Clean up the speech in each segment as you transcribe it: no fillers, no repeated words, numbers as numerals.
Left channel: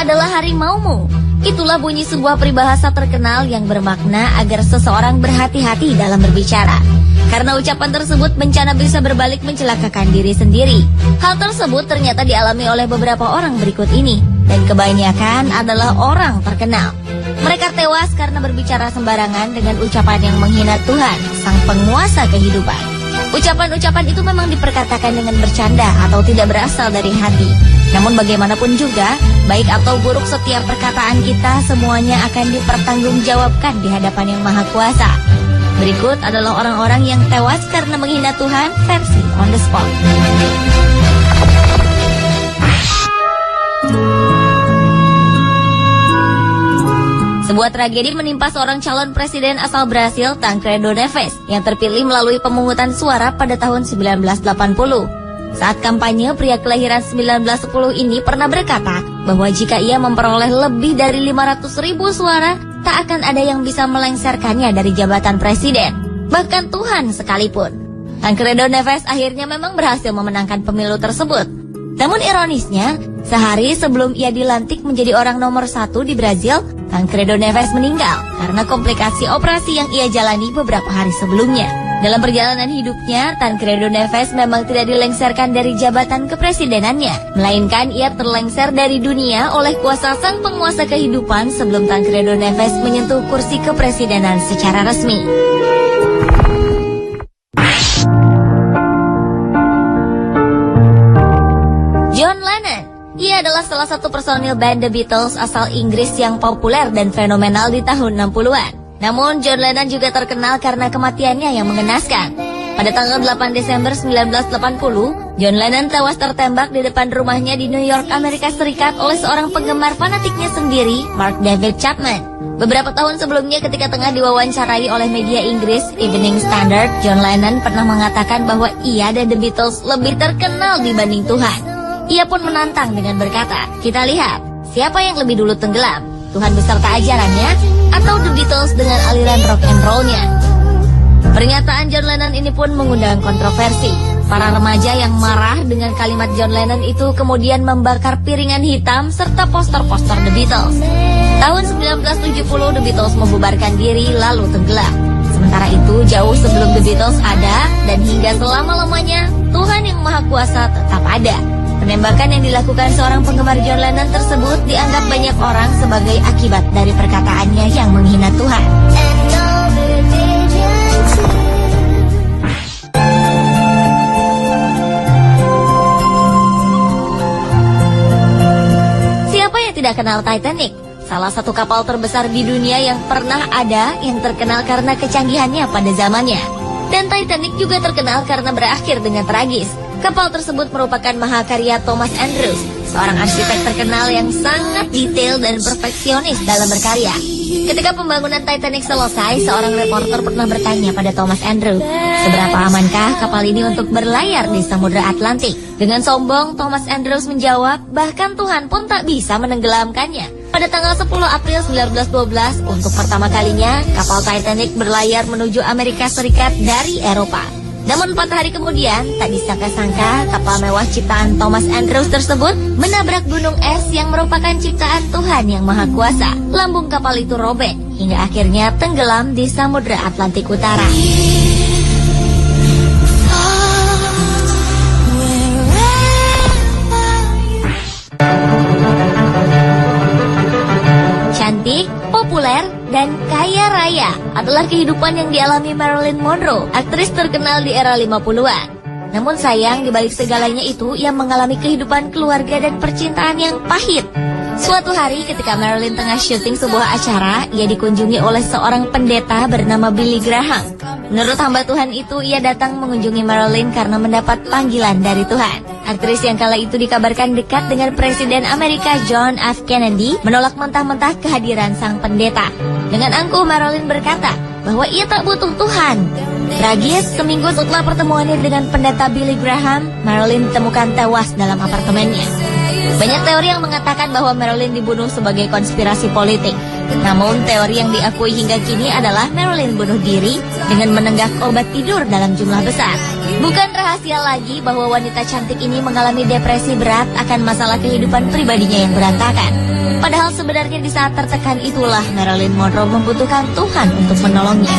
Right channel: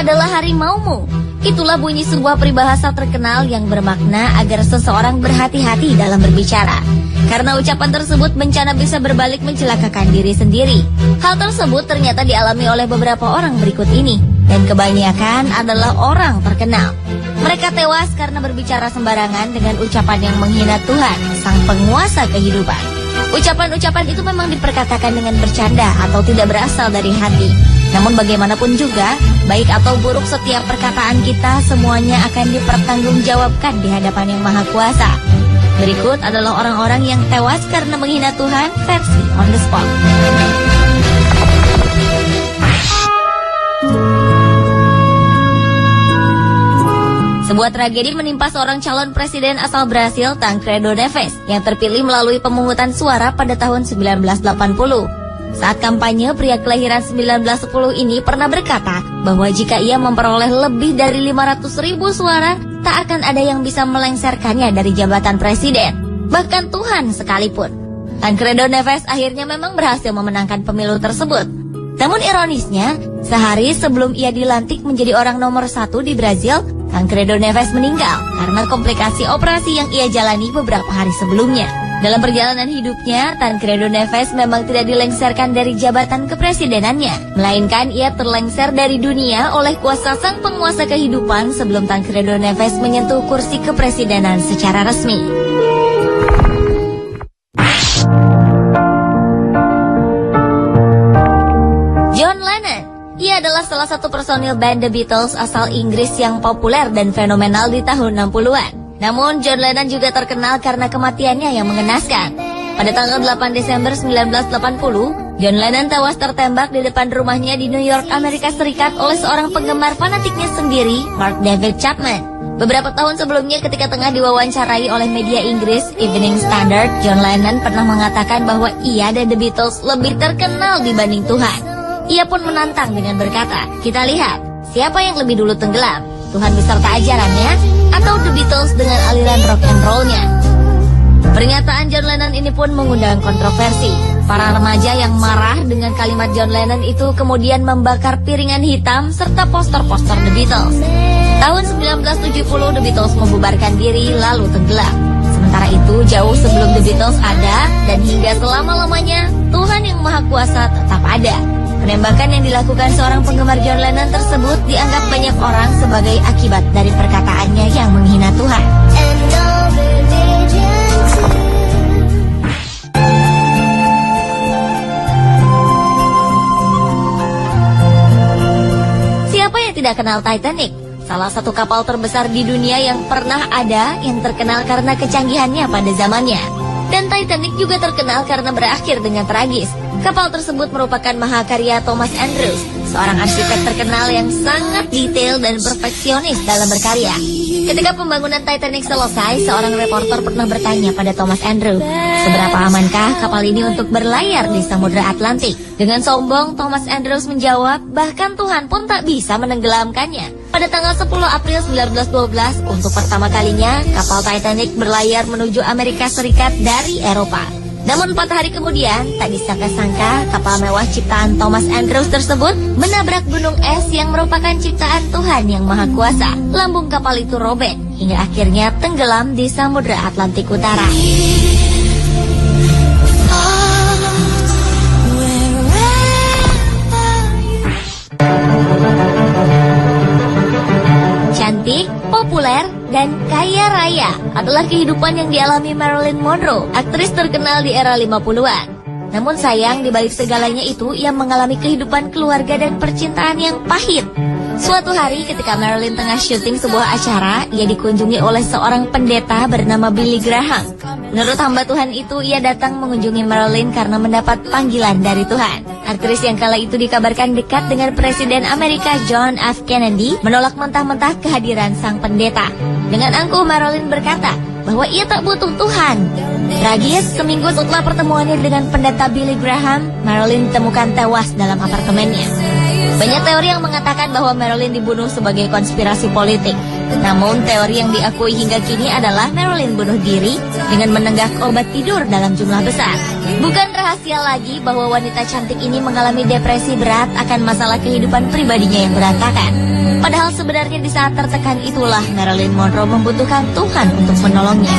adalah harimaumu. Itulah bunyi sebuah peribahasa terkenal yang bermakna agar seseorang berhati-hati dalam berbicara. Karena ucapan tersebut bencana bisa berbalik mencelakakan diri sendiri. Hal tersebut ternyata dialami oleh beberapa orang berikut ini. Dan kebanyakan adalah orang terkenal. Mereka tewas karena berbicara sembarangan dengan ucapan yang menghina Tuhan, sang penguasa kehidupan. Ucapan-ucapan itu memang diperkatakan dengan bercanda atau tidak berasal dari hati. Namun bagaimanapun juga, baik atau buruk setiap perkataan kita semuanya akan dipertanggungjawabkan di hadapan Yang Maha Kuasa. Berikut adalah orang-orang yang tewas karena menghina Tuhan versi on the spot. Sebuah tragedi menimpa seorang calon presiden asal Brasil, Tancredo Neves, yang terpilih melalui pemungutan suara pada tahun 1980. Saat kampanye, pria kelahiran 1910 ini pernah berkata bahwa jika ia memperoleh lebih dari 500.000 suara, tak akan ada yang bisa melengsarkannya dari jabatan presiden, bahkan Tuhan sekalipun. Tancredo Neves akhirnya memang berhasil memenangkan pemilu tersebut. Namun ironisnya, sehari sebelum ia dilantik menjadi orang nomor 1 di Brazil, Tancredo Neves meninggal karena komplikasi operasi yang ia jalani beberapa hari sebelumnya. Dalam perjalanan hidupnya, Tancredo Neves memang tidak dilengsarkan dari jabatan kepresidenannya, melainkan ia terlengser dari dunia oleh kuasa sang penguasa kehidupan sebelum Tancredo Neves menyentuh kursi kepresidenan secara resmi. John Lennon, ia adalah salah satu personil band The Beatles asal Inggris yang populer dan fenomenal di tahun 60-an. Namun, John Lennon juga terkenal karena kematiannya yang mengenaskan. Pada tanggal 8 Desember 1980, John Lennon tewas tertembak di depan rumahnya di New York, Amerika Serikat oleh seorang penggemar fanatiknya sendiri, Mark David Chapman. Beberapa tahun sebelumnya ketika tengah diwawancarai oleh media Inggris, Evening Standard, John Lennon pernah mengatakan bahwa ia dan The Beatles lebih terkenal dibanding Tuhan. Ia pun menantang dengan berkata, "Kita lihat, siapa yang lebih dulu tenggelam? Tuhan beserta ajarannya, atau The Beatles dengan aliran rock and roll-nya?" Pernyataan John Lennon ini pun mengundang kontroversi. Para remaja yang marah dengan kalimat John Lennon itu kemudian membakar piringan hitam serta poster-poster The Beatles. Tahun 1970 The Beatles membubarkan diri lalu tenggelam. Sementara itu jauh sebelum The Beatles ada dan hingga selama-lamanya Tuhan Yang Maha Kuasa tetap ada. Penembakan yang dilakukan seorang penggemar John Lennon tersebut dianggap banyak orang sebagai akibat dari perkataannya yang menghina Tuhan. Siapa yang tidak kenal Titanic? Salah satu kapal terbesar di dunia yang pernah ada yang terkenal karena kecanggihannya pada zamannya. Dan Titanic juga terkenal karena berakhir dengan tragis. Kapal tersebut merupakan mahakarya Thomas Andrews, seorang arsitek terkenal yang sangat detail dan perfeksionis dalam berkarya. Ketika pembangunan Titanic selesai, seorang reporter pernah bertanya pada Thomas Andrews, seberapa amankah kapal ini untuk berlayar di Samudra Atlantik? Dengan sombong, Thomas Andrews menjawab, bahkan Tuhan pun tak bisa menenggelamkannya. Pada tanggal 10 April 1912, untuk pertama kalinya, kapal Titanic berlayar menuju Amerika Serikat dari Eropa. Namun 4 hari kemudian, tak disangka-sangka kapal mewah ciptaan Thomas Andrews tersebut menabrak gunung es yang merupakan ciptaan Tuhan Yang Maha Kuasa. Lambung kapal itu robek hingga akhirnya tenggelam di Samudra Atlantik Utara. Cantik, populer, dan kaya raya adalah kehidupan yang dialami Marilyn Monroe, aktris terkenal di era 50-an. Namun sayang, di balik segalanya itu, ia mengalami kehidupan keluarga dan percintaan yang pahit. Suatu hari ketika Marilyn tengah syuting sebuah acara, ia dikunjungi oleh seorang pendeta bernama Billy Graham. Menurut hamba Tuhan itu, ia datang mengunjungi Marilyn karena mendapat panggilan dari Tuhan. Aktris yang kala itu dikabarkan dekat dengan Presiden Amerika John F. Kennedy menolak mentah-mentah kehadiran sang pendeta. Dengan angkuh Marilyn berkata bahwa ia tak butuh Tuhan. Tragis, seminggu setelah pertemuannya dengan pendeta Billy Graham, Marilyn ditemukan tewas dalam apartemennya. Banyak teori yang mengatakan bahwa Marilyn dibunuh sebagai konspirasi politik. Namun teori yang diakui hingga kini adalah Marilyn bunuh diri dengan menenggak obat tidur dalam jumlah besar. Bukan rahasia lagi bahwa wanita cantik ini mengalami depresi berat akan masalah kehidupan pribadinya yang berantakan. Padahal sebenarnya di saat tertekan itulah Marilyn Monroe membutuhkan Tuhan untuk menolongnya.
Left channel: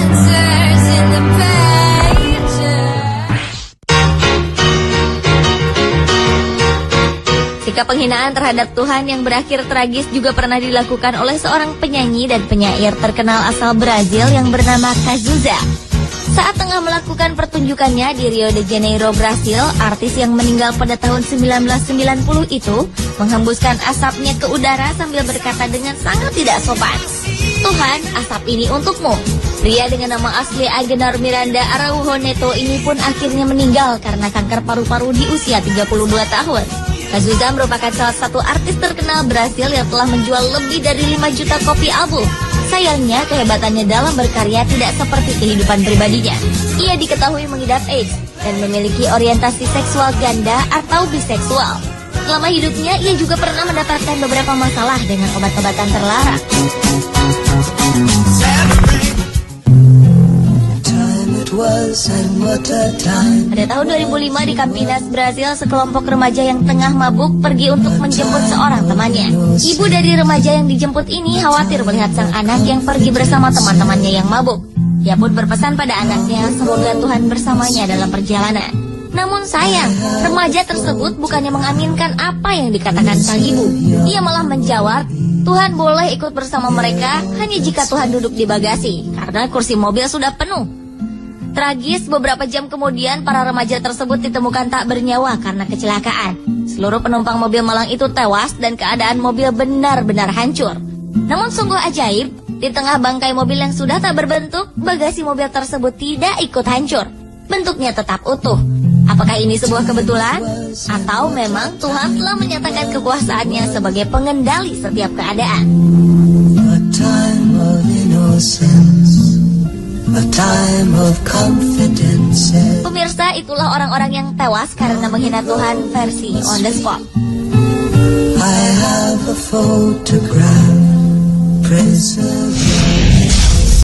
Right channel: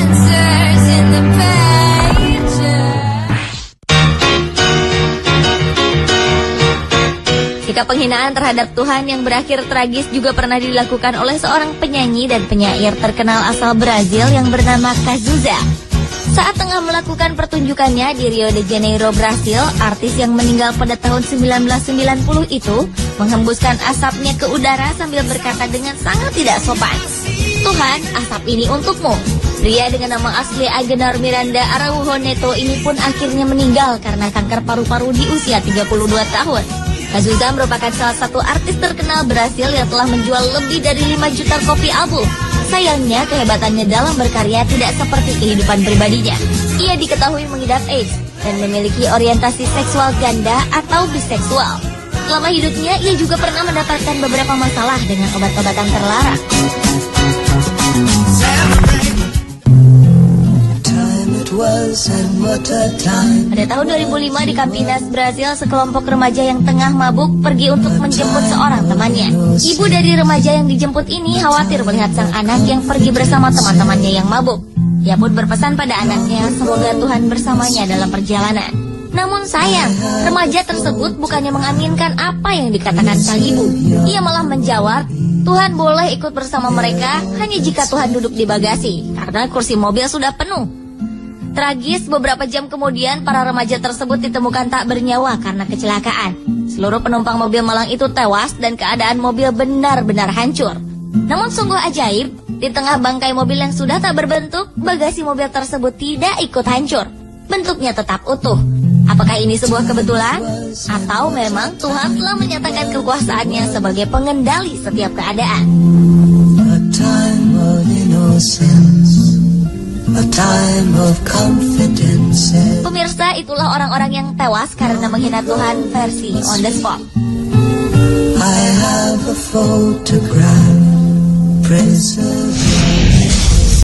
Sikap penghinaan terhadap Tuhan yang berakhir tragis juga pernah dilakukan oleh seorang penyanyi dan penyair terkenal asal Brazil yang bernama Cazuza. Saat tengah melakukan pertunjukannya di Rio de Janeiro, Brasil, artis yang meninggal pada tahun 1990 itu menghembuskan asapnya ke udara sambil berkata dengan sangat tidak sopan, "Tuhan, asap ini untukmu." Pria dengan nama asli Agenor Miranda Araujo Neto ini pun akhirnya meninggal karena kanker paru-paru di usia 32 tahun. Cazuza merupakan salah satu artis terkenal Brasil yang telah menjual lebih dari 5 juta kopi album. Sayangnya, kehebatannya dalam berkarya tidak seperti kehidupan pribadinya. Ia diketahui mengidap AIDS dan memiliki orientasi seksual ganda atau biseksual. Selama hidupnya, ia juga pernah mendapatkan beberapa masalah dengan obat-obatan terlarang. Pada tahun 2005 di Campinas, Brazil, sekelompok remaja yang tengah mabuk pergi untuk menjemput seorang temannya. Ibu dari remaja yang dijemput ini khawatir melihat sang anak yang pergi bersama teman-temannya yang mabuk. Ia pun berpesan pada anaknya semoga Tuhan bersamanya dalam perjalanan. Namun sayang, remaja tersebut bukannya mengaminkan apa yang dikatakan sang ibu. Ia malah menjawab, Tuhan boleh ikut bersama mereka hanya jika Tuhan duduk di bagasi, karena kursi mobil sudah penuh. Tragis, beberapa jam kemudian para remaja tersebut ditemukan tak bernyawa karena kecelakaan. Seluruh penumpang mobil malang itu tewas dan keadaan mobil benar-benar hancur. Namun sungguh ajaib, di tengah bangkai mobil yang sudah tak berbentuk, bagasi mobil tersebut tidak ikut hancur. Bentuknya tetap utuh. Apakah ini sebuah kebetulan? Atau memang Tuhan telah menyatakan kekuasaannya sebagai pengendali setiap keadaan? A time of confidence. Pemirsa, itulah orang-orang yang tewas karena menghina Tuhan versi on the spot. I have a photograph, prison.